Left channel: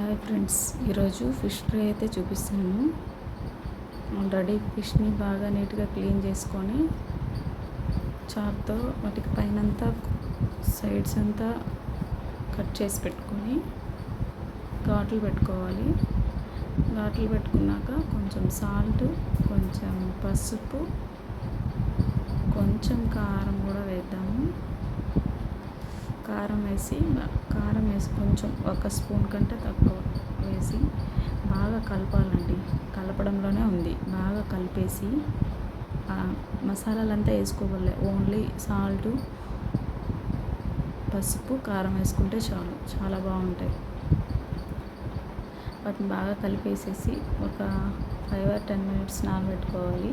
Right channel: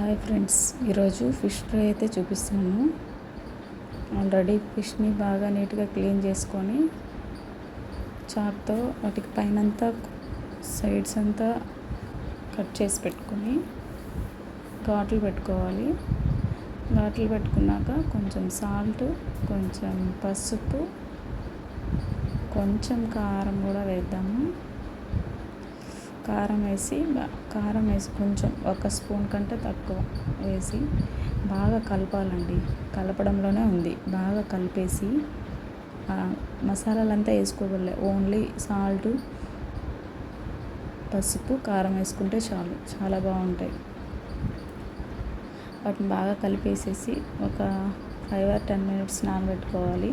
Hi friends, ఈరోజు fish fry అయితే చూపిస్తాను. ఆల్రెడీ ఫిష్ని బాగా నీట్గా క్లీన్ చేసుకొని చాక్తో వాటికి పైనంతా సైడ్స్ అంతా కట్ చేసి పెట్టుకొని ఘాట్లు పెట్టుకోవాలి. ఘాట్లు పెట్టుకున్నాక కొంచెం సాల్ట్, కొంచెం పసుపు, కొంచెం కారం కూడా వేద్దాము. కారం వేసి కొంచెం 1 స్పూన్ కంటే తక్కువ వేసి బాగా కలపాలండి. కలపడంలోనే ఉంది. బాగా కలిపేసి మసాలాలంతా వేసుకోవాలి. ఓన్లీ సాల్ట్, పసుపు, కారం వేసుకుంటే చాలు, చాలా బాగుంటాయి. వాటిని బాగా కలిపేసేసి ఒక 5 or 10 minutes నానబెట్టుకోవాలి.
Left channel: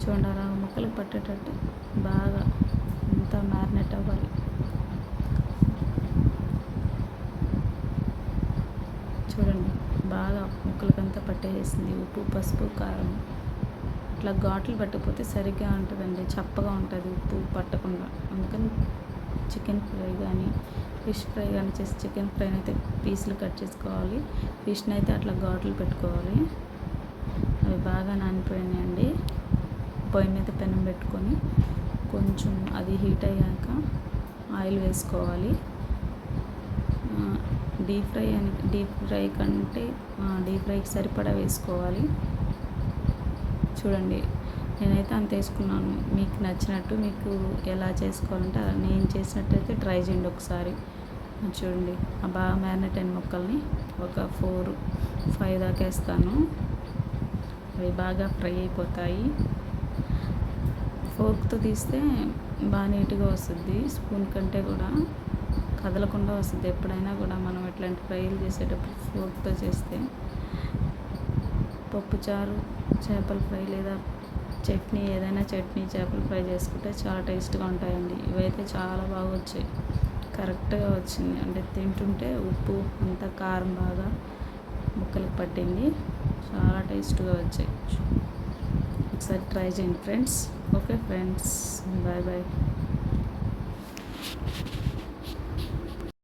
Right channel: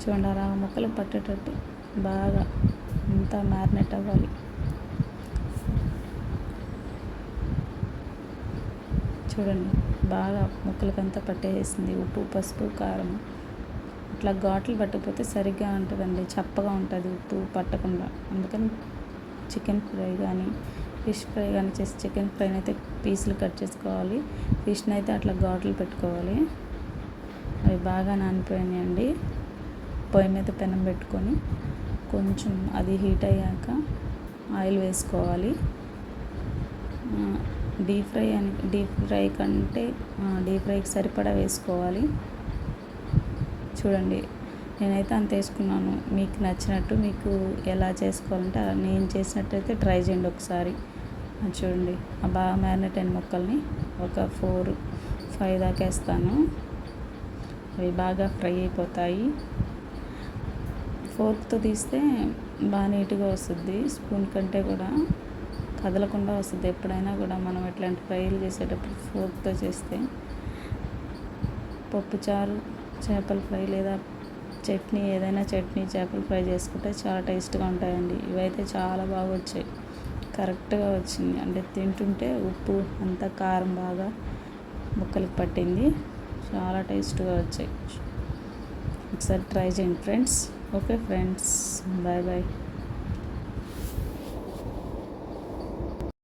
చూడండి, అలా ముక్కలకు పట్టేటట్టు బాగా అంతా మ్యారినేట్ అవ్వాలి. చూడండి, బాగా ముక్కలకంతా పట్టేసింది. ఉప్పు, పసుపు, కారం. ఇట్లా ఘాట్లు పట్టకపోతే సరిగ్గా ఉంటుందండి, చప్పగా ఉంటుంది ఉప్పు పట్టకుండా. అందుకని చికెన్ ఫ్రై కానీ ఫిష్ ఫ్రై కానీ చేసి చికెన్ ఫ్రైని అయితే పీసులు కట్ చేసుకోవాలి. ఫిష్ని అయితే అట్లా ఘాట్లు పెట్టుకోవాలి. అవి బాగా నానిపోయినాయండి. పొయ్యి మీద పెనం పెట్టుకొని కొంచెం అది హీట్ అయ్యాక ఆయిల్ వేసుకోవాలి. డీప్ ఫ్రైకి సరిపడా వేసుకోవాలి. చూడండి, నేనైతే అంత వేసుకున్నాను. మీకు నచ్చినట్టు, మీకు ఎలా చేసుకోవాలంటే అలా, నేను చేసినట్టయితే ట్రై చేయండి ఒకసారి. చూడండి, ఆ బాగా మ్యారినేట్ అయిన ముక్కల్ని ఒక 4-5 దాకా వేస్తాను. అవి బాగా ఫ్రై అయిపోతాయి. ఫోర్క్తో తీస్తే బాగా నీట్గా వస్తుంది. స్పూన్ కంటే కూడా కదలకుండా వస్తుంది. ఎప్పుడైనా కూడా మనం ఇట్లాంటి ఫ్రైలు చేసేటప్పుడు ఫోర్క్తో చేస్తే, పప్పుచారు, చేపల ఫ్రై లేదా చట్నీ, ఏదైనా చట్నీ, చేపల ఫ్రై చేసుకుంటే చాలా టేస్ట్గా ఉంటాయండి. ఇవైతే చాలా బాగా వచ్చాయి, కరెక్ట్గా వచ్చింది. అంటే తింటుంటే ఉప్పు అంతా కారం బాగా ముక్కలకు పట్టింది. చాలా టేస్ట్గా వచ్చాయి. ఒకసారి ట్రై చేయండి friends. Okay friends, bye bye.